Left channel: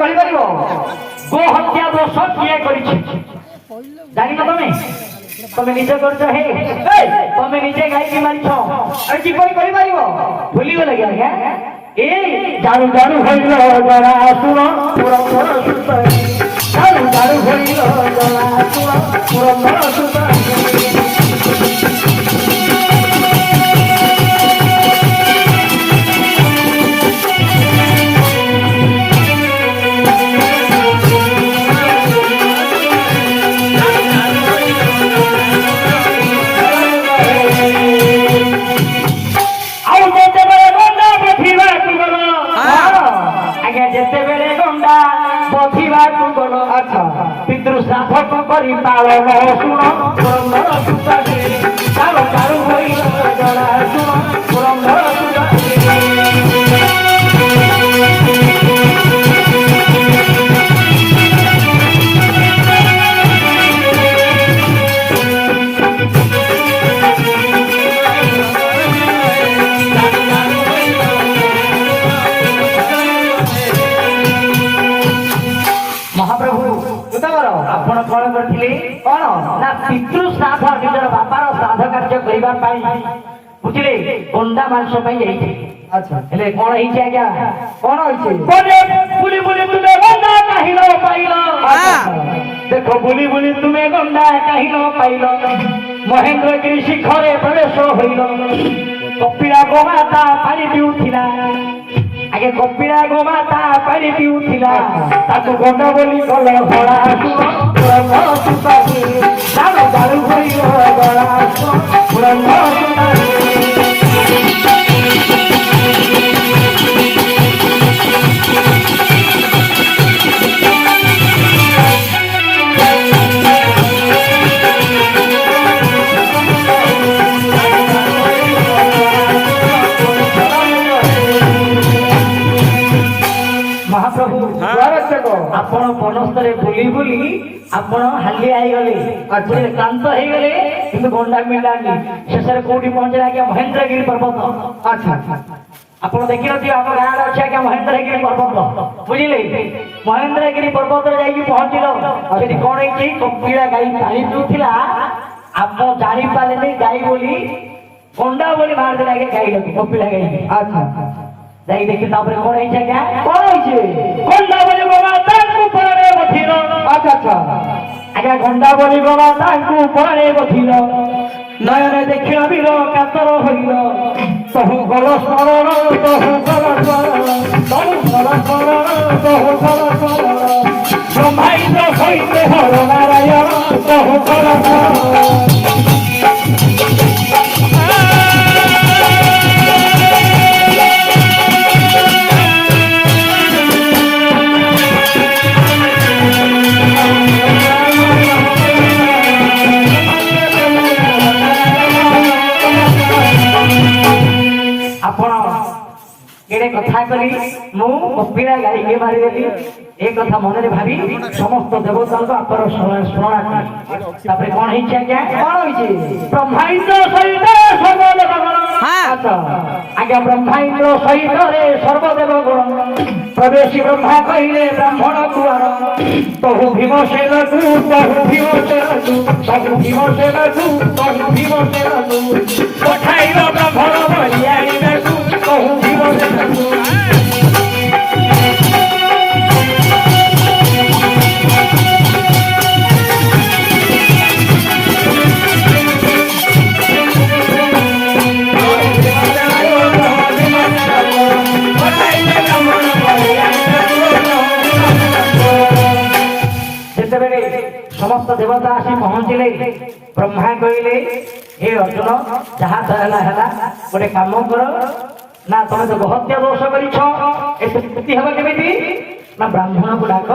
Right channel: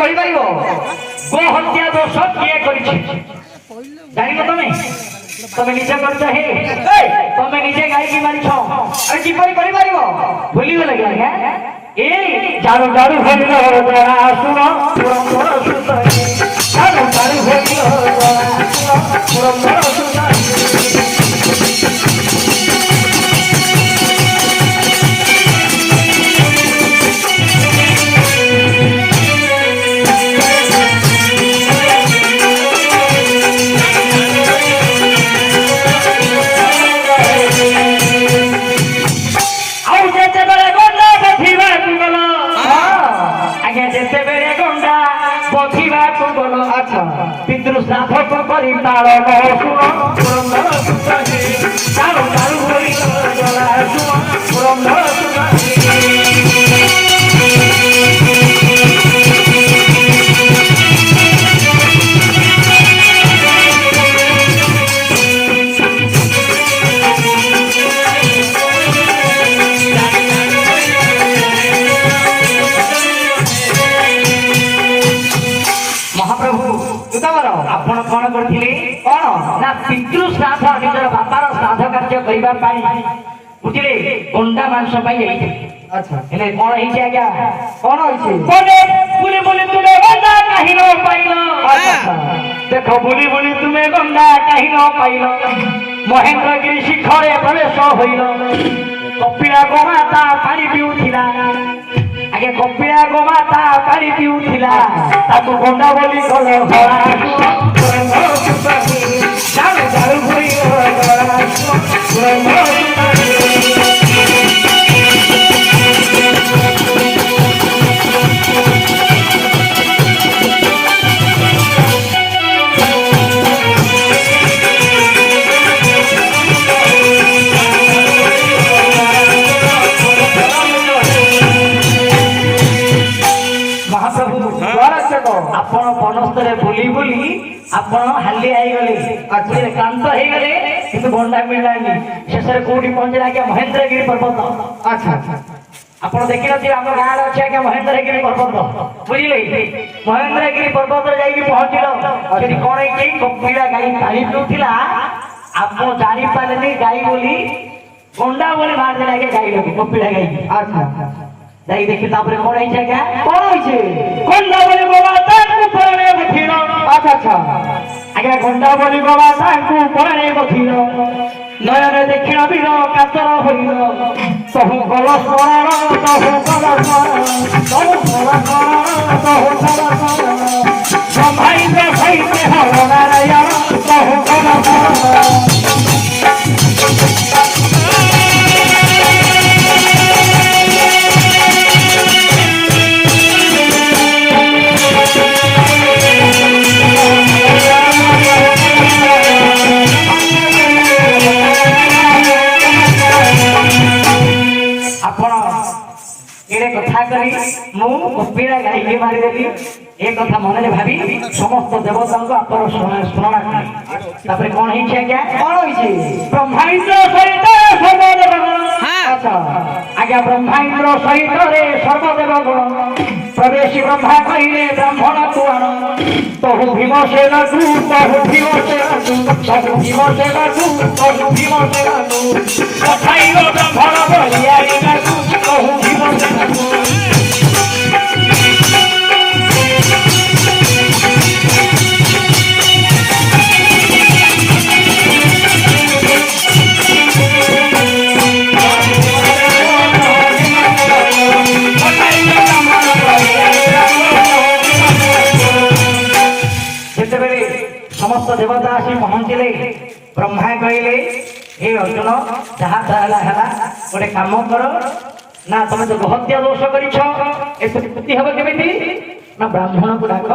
कहि परिबो गो हत्या दोष किए करिछि जानि न तमे निजे करछ हे तमे निजे गाई की मारिछ अरे की करि परिबो भूली गेल क्या ए जारू जारू भइलो दरा सुनो पुरो पुरो सुतई जारू जारू भइलो दरा सुनो पुरो पुरो सुतई पितृ श्राद्ध करी पालन सुनो पुरंदर सुताजी चालो चालू होई सुनो पुरंदर बुझिले गोंडा मांस अच्छा हेले कोन हिचे आज्ञा कोन होइछे बोले बुली बुली तुमे गोंडा कहिलो पाइलो देखो बुली बुली तुमे गोंडा कहिलो पाइलो महेंद्रगिरी शिखरे प्रवेश होइलो कपिला गोमाता पानी पिउथिला आगे कपिला गोमाता पानी पिउथिला ताकू गोंडा बोली कलो हला सुनो सुताजी दारू दारू होइलो बुली बुली आपण हाली आई गले अच्छे क्लांत हे गले किंतु गोंडा मिलानी शेषरे कोडी पहुंचला के महेंद्रगिरी पर्वत अच्छा आपण देखिलो जे हम गार अछि के महेंद्रगिरी पर्वत बुझिले महेंद्रगिरी पर्वत जाई के पहुंचिलो सेठी कोन हे के कपिला गाई पानी पिउथिला आपण जानि पाले गाई बोली गोंडा बोली मार देला के गाई लगे कपिला गाई अच्छा जाई देखि तापर कोन हे छै क्या कोन होय छै गोंडा बोली बाबा ताकू परे बथिलो अच्छा अच्छा आगे गोंडा बोली बाबा ताकू परे बथिलो नयन देखिला बिरो कातर होइलो सहु गल शरण सहु गल शरण सहु गल शरण सहु गल शरण जमाई दे होइते हो नारायण सहु गल शरण कपिला गाई मारी देली एक कथा मन में भावी समस्त देवता को अपर स्मरण तापर कोन हिचे आज्ञा कोन होइछि ब्रह्मांड सहित सर्वदेव गण अच्छा आज्ञा ब्रह्मांड सहित रे सर्वदेव गण प्रवेशी ब्रह्मा कहिले ब्राह्मण कुमार तहु भीम से लागू तहु भीम से लागू तहु भीम से लागू तहु भीम से लागू पठाइलो ब्राह्मण बलियारी लागू तहु भीम से लागू समस्त देवता आसी पहुंचले ब्रह्मा कहले हे अर्जुन जहाँ है गोटे काम कर ना तुम जो हत्या दोष करती हम केमी ना ब्राह्मण को डाक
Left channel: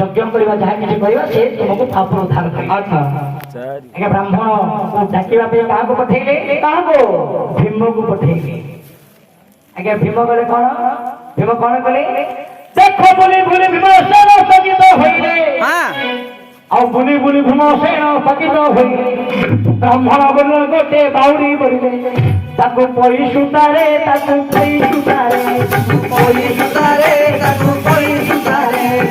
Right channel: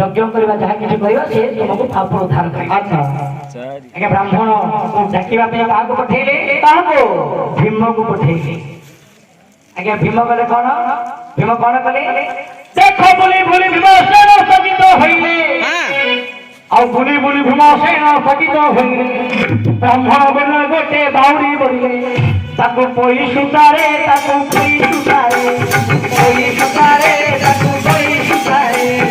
यज्ञ करवा जहाँ किसी से तुमको पाप उद्धार करे अच्छा ब्राह्मण को डाकवा क्या पठेले भीम को पठेले आज्ञा भीम कले कौन भीम कौन कले देख बोली बोली भीमसेन स्थगित होइले आ बुली बुली भीमसेन स्थगित होइले ब्राह्मण बोले बेटे बाउरी बोलिले ताकू पई सुतारे ताकू पई सुतारे पई सुतारे ताकू पई सुतारे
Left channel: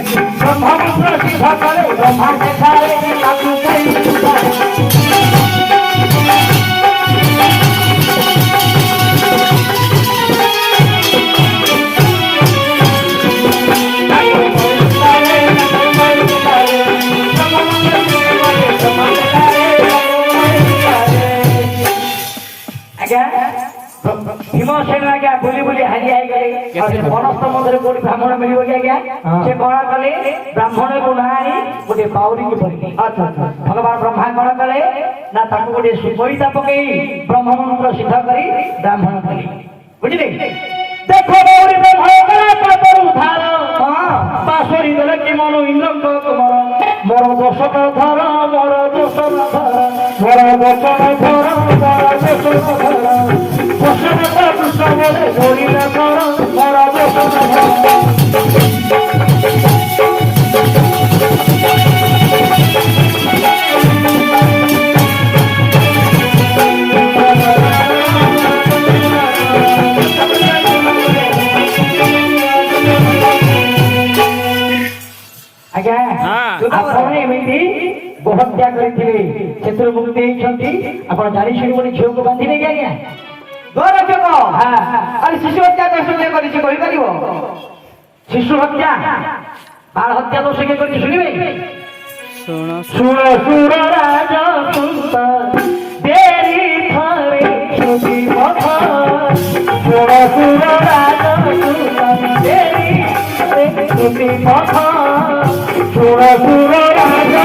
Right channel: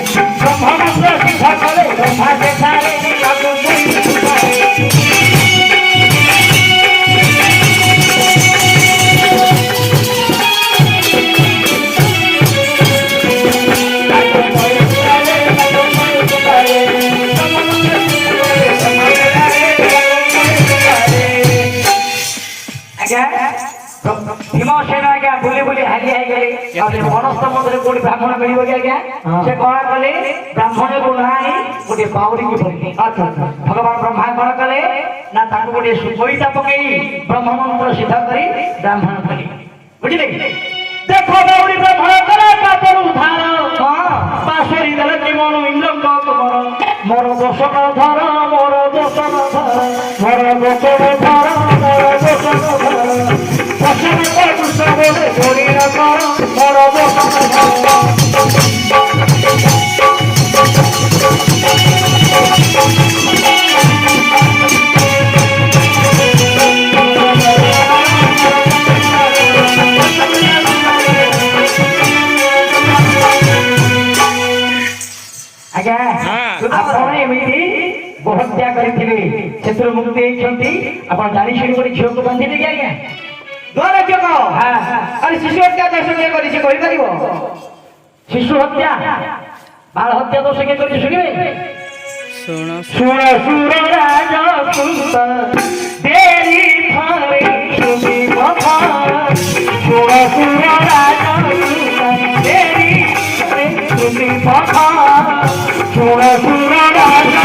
ମନସ୍ଥ ମନ୍ଦିର କୋଉଠି ବ୍ରାହ୍ମଣ ମିଳିବ କି ଆଜ୍ଞା? ସେ କଣ କଲେ ବ୍ରାହ୍ମଣକୁ ନାହିଁ ଗୋଟେ ବାଉରୀକୁ ଧରିଲେ। ଭଗବାନ ବ୍ରହ୍ମା କଣ କଲେ ନା ତାକୁ ଗୋଟେ ସୁପରିତା ପକେଇ ବ୍ରହ୍ମ ମନ୍ତ୍ର ସିଦ୍ଧ କରି ବ୍ରାହ୍ମଣ କଲେ। ବୁଝିଲେ? ଦେଖ ବାଉରୀ ବ୍ରାହ୍ମଣ କଲା କାତରୁ ଉଦ୍ଧାର ପାଶୋରି ଦେଲେ କି ମନୁ ଇନ୍ଦ୍ରଙ୍କ ତୁମର ମୋର ଦୋଷ ଧର ମୋର ଦୋଷ ଧର ମୋର ଦୋଷ ଧର ମୋର ଦୋଷ ଧର ସବୁବେଳେ ଗୋଳିଆ କର ମୋର ଦୋଷ ଆଜ୍ଞା ଆପଣ ଏମିତି ଗୋହତ୍ୟା କରିଥିଲେ ସେଥିରୁ ମୁକ୍ତି ହେଇଛନ୍ତି। ଆପଣ ଜାଣିଛନ୍ତି ଗୋଟେ ଝିଅକୁ ବାନ୍ଧିଲେ କି ଆଜ୍ଞା? ଶିଶୁ ହତ୍ୟା ଦୋଷ କିଏ କରିଛି କହିପାରିବ? ଶିଶୁ ହତ୍ୟା ବାଳ ହତ୍ୟା ଦୋଷ କିଏ କରିଛି ଶୁଣିବେ? ଶୁଣ ଶୁଣ ଶୁଣ ରାଜ ଦେରି ଥରେ ଶୁଣି କଥା ଶୁଣ ଶୁଣ ରାଜ ଦେରି ଥରେ ଶୁଣି କଥା ଶୁଣ ଶୁଣ ରାଜ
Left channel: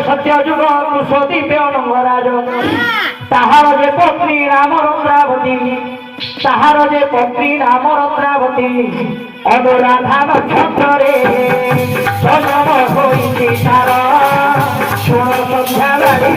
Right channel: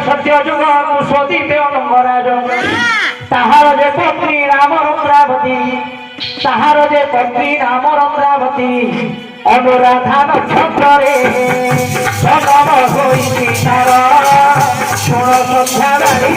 सत्य जुग कुशोदी बेराज ताहार जे पत्नी राम रंद्रावती ताहार जे पत्नी राम रंद्रावती अनुराधा नक्षत्र रे सनम होई तार सुन सन्ध्या रानी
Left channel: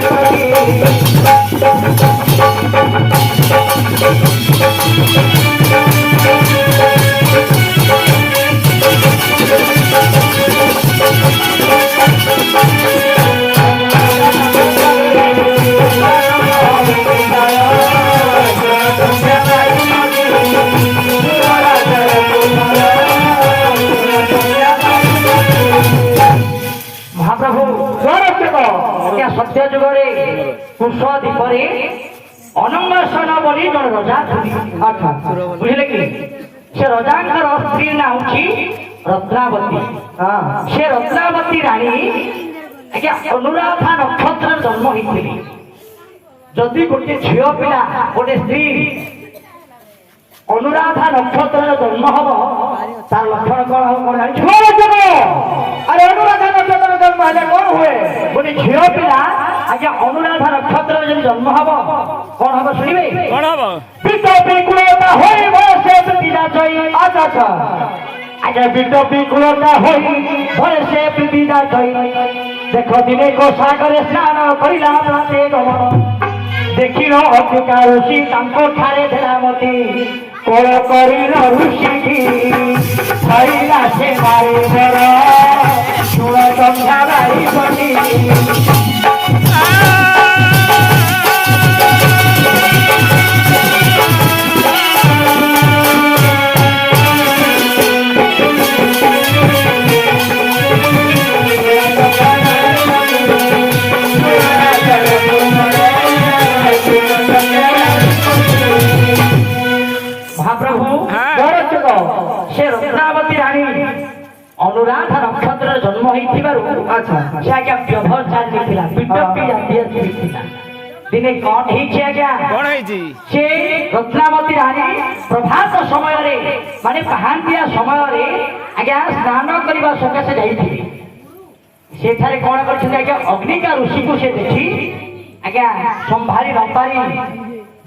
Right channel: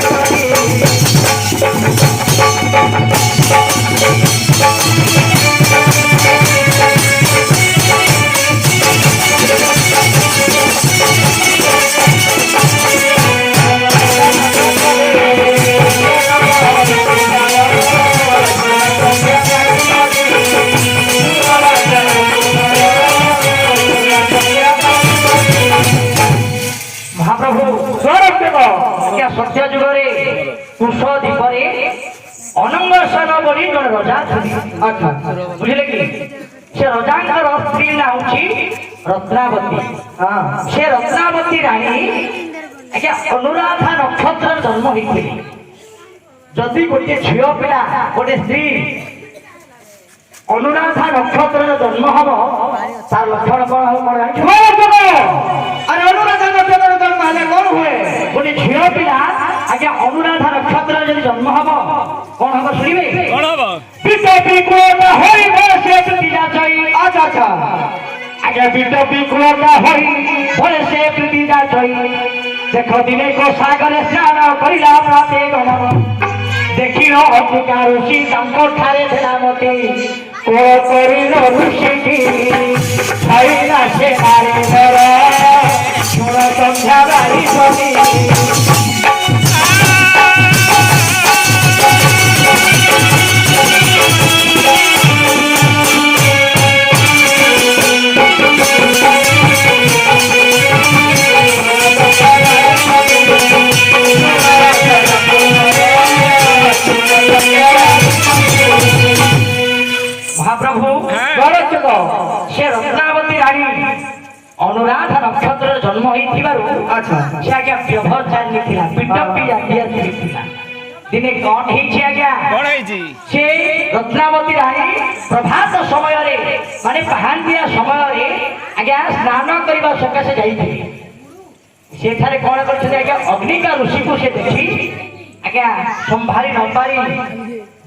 सत्य जुगरे कुश दीपरे अनंगसन बोली जन रजा बुझे कि से रजा स्त्री ना हूँ रत्नावती। से रत्नावती राणी आज्ञा अनुराधा नक्षत्र जन्म होती जदि गोटे झील पिला गोटे स्त्री अनुराधा नक्षत्र जन्म हम तार लक्षण कौन हम अरे अनुराधा नक्षत्र जन्म हेले कौन हुए गोटे झील पिला आज्ञा अनुराधा नक्षत्र जब जन्म हम कौन हम शुणवे कौन हम पिता विकुल होई बसे पिता जई अच्छा अच्छा आज्ञा पिता विकुल होई बसे पिता जई देख दिने को सागर स्नान करिला प्रत्येक देखिनो अतिका ऋषि तांकर ठारे देला मते कोळ करिलो ऋषि की हरिला से मारे घर सुण संध्या बारी बनी महाप्रभु से रत्नावती राणी अनुराधा नक्षत्र जन्म अच्छा से आज्ञा व्यवचारी पिटपी जातीय दिने कौन आज्ञा से रत्नावती राणी प्रभात समय माने पहांतिया समय आज्ञा स्नान करने सकाशे जाइए सेठारे कौन करज्ञा अग्निका ऋषि को से देखी आज्ञा संभाली न पारी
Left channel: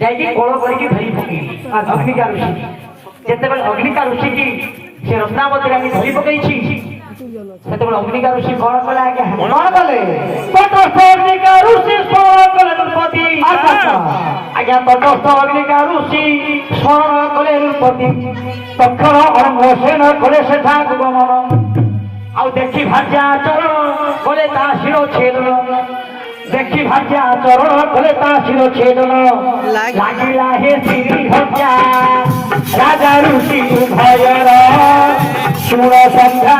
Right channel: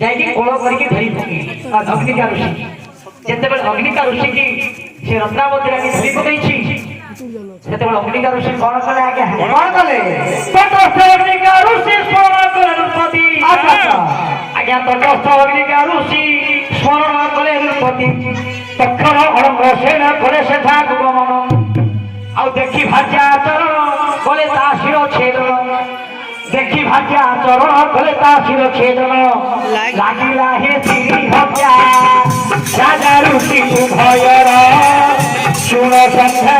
जाइए कोल करके धरी पकई अग्निका ऋषि जिते अग्निका ऋषि की से रत्नावती रानी धरी पकई अग्निका ऋषि कौन कले आज्ञा कौन कले तटस्थ अग्निका ऋषि स्मरण कले नृपति आज्ञा तटस्थ अग्निका ऋषि स्मरण कले नृपति तक्षण अरंग सेन कले सेठा गमन आउ देखी भाज्या चरण कले ता शिरो छेदन देखी भाग्या चरण कले ता शिरो छेदन लागिला हे श्री हत्या राजा ऋषि भजन सुण संध्या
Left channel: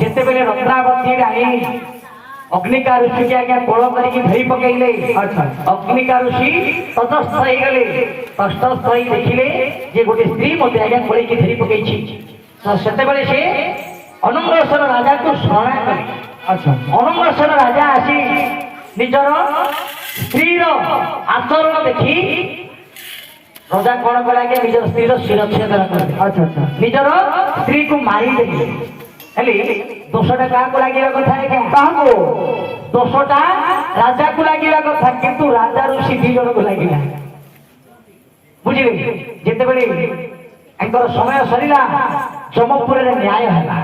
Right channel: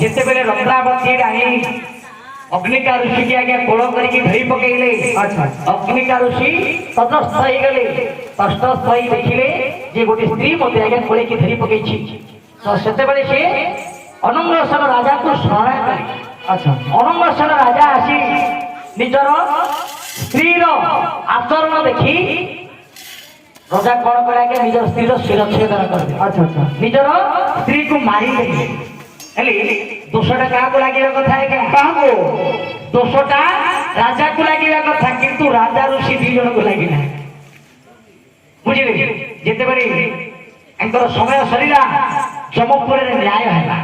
जिते बेले रत्नावती राणी अग्निका ऋषि के आज्ञा कोल करके धरी पकईले अग्निका ऋषि तटस्थ हो गले तटस्थ हो देखिले जे गोटे स्त्री मते आज्ञा कोले के धरी पकई सेते बेले से अनंगसेन राजा को स्मरण कले अनंगसेन राजा आसी निजर स्त्री आचरण देखी राजा कौन कले आज्ञा निजर स्त्री शिरच्छेदन कर निजर स्त्री को मारी देले दोषटा क्या लगे कथा क्या दोषटा राजा को लगे कथा किंतु राजा ऋषि दी जन को लगे बुझे जिते समय सरला जमपुर न्याय है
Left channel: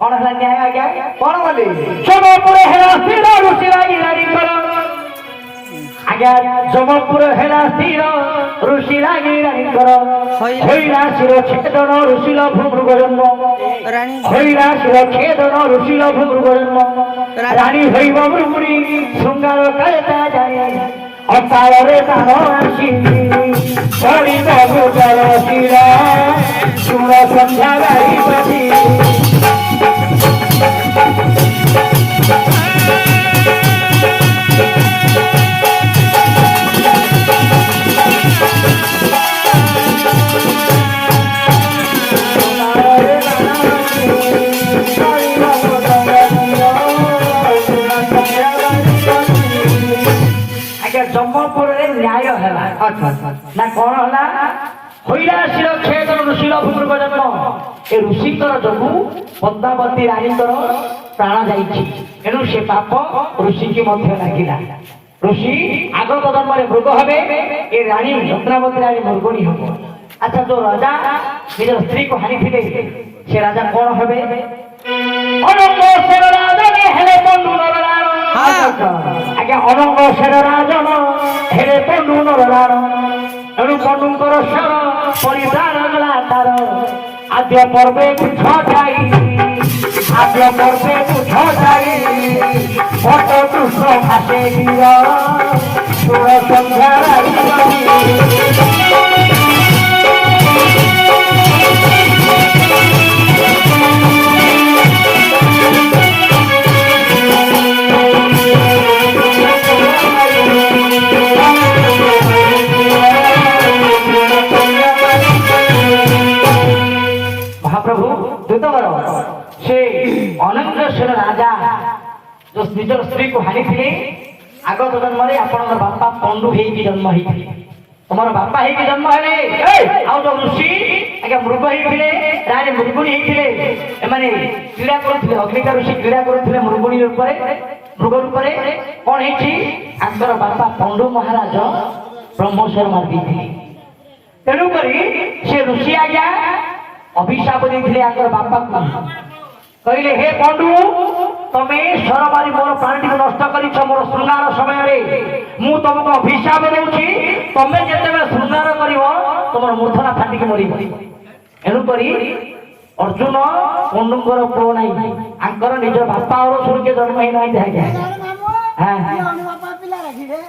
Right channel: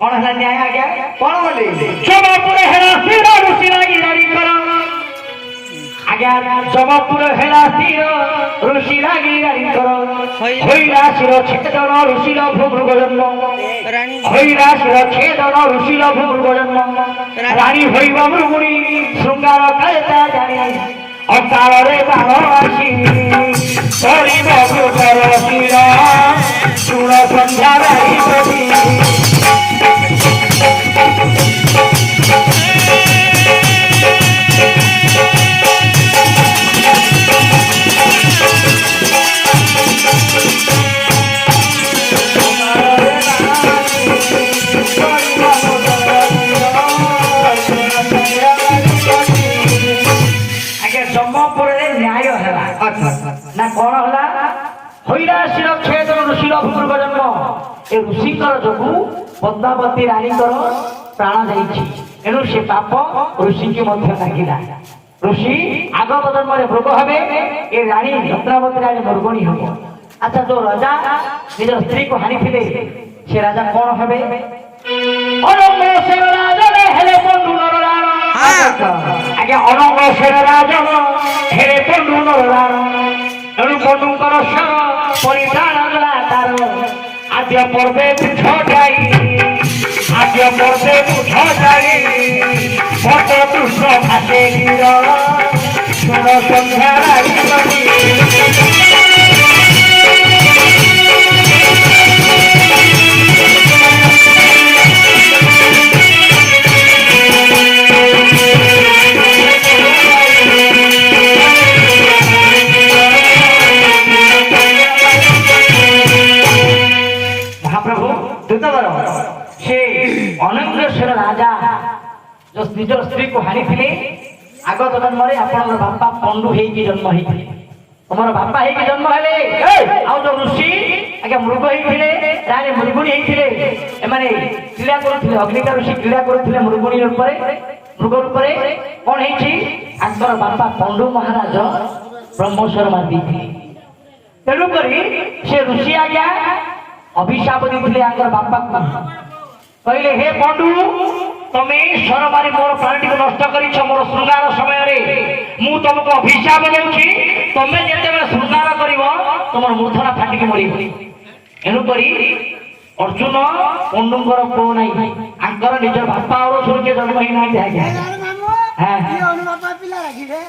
कौन है न्याय आज्ञा कौन बोले जमपुर है ऋषि लगी आज्ञा जमपुर है ऋषि रागी रानीकर होइला शिर छेदन ऋषिर भूभृग जन्म होइला शिर छेदन ऋषिर भूभृग जन्म रानी होइब मृगुणी शृंगार कायता जाने अकाल रे बाण आसी करिब भूकर शिर सुण संध्या बारी बनी ना कौन है होइराशिर छेदन ऋषिर भूभृग जन्म ए ऋषिकर जोगु पद्मावती रानीकर प्राण जाइछि एनु से पाप ऋषि के मध्य लागिला ऋषि आगत जन्म मृग हेबे ए रानी रत्नावती रानी मृगुणी हेबो अच्छा जो राजा निज स्त्री को हानि थिले से राजा कौन हेबे अनंग सेन राजा हेले पंडु नरराण आगे अनंग सेन राजा हेले पंडु नरराण एणु पंडुकर सर परिधान गला तार आद्य पर्वे पीठ जाई आद्य पर्वे पीठ जाई भक्त कृष्ण भाषे गिर सुर संध्या ମହାପ୍ରଭୁ ଦୂତବର ସେ ଅନଙ୍ଗେଶ୍ୱର ରାଜା ଯୋଉ ନିଜର ସ୍ତ୍ରୀକୁ ହାଣିଥିଲେ ଆଗତ ଜନ୍ମରେ ଆପଣଙ୍କର ବାପା ପଣ୍ଡୁ ହେଇକି ଜନ୍ମ ହେଇଥିଲେ ତମର ବାପା ହେଇକି ଜନ୍ମ ହେଲେ ଆଉ ଯୋଉ ଋଷି ଆଜ୍ଞା ମୃଗ ହେଇଥିଲେ ତାହେଲେ ମୃଗୁଣୀ ହେଇଥିଲେ ଏମାନେ କ୍ରୀଡ଼ା କରୁଥିଲେ ଅଗ୍ନିକା ଋଷି କ୍ରୀଡ଼ା କରୁଥିଲେ ମୃଗୁଣୀ ଉପରେ ମୃଗ ରୂପରେ କଣ ହେଇଛି ଆଙ୍କର ବାପା ପଣ୍ଡୁ ମହାରାଜ ବ୍ରହ୍ମସ୍ୱର ମାରି ଦେଇଥିଲେ ତେଣୁକରି ସେ ଋଷି ଆଜ୍ଞା ଅଭିଶାପ ଦେଇଥିଲେ ଆଙ୍କର ବାପାକୁ କହିଲେ ହେ ପଣ୍ଡୁ ତମେ ସ୍ୱର ମାରି ମୋର ପ୍ରାଣୀଟିକୁ ନଷ୍ଟ କରିଛ ମୋର ଶୃଙ୍ଗାର ସମୟରେ ମୁଁ ତମକୁ ଅଭିଶାପ ଦେଉଛି ତମେ ଯେତେବେଳେ ଶୃଙ୍ଗାର କରିବ ତମର ମୂର୍ଚ୍ଛନା ଫାଟିକି ମରିବ ଏଣୁକରି ଅର୍ଜୁନ ପଣ୍ଡୁଙ୍କର ପୁଅ ନାହିଁ ଆଙ୍କର ନିଜ ବାପା ଆଉ ସୁରକ୍ଷା ଜନ୍ମ ହେଇନାହାନ୍ତି ଆଜ୍ଞା ମାମୁ ହଁ ଅନୁବାପା ପିଲା ରାଖିବେ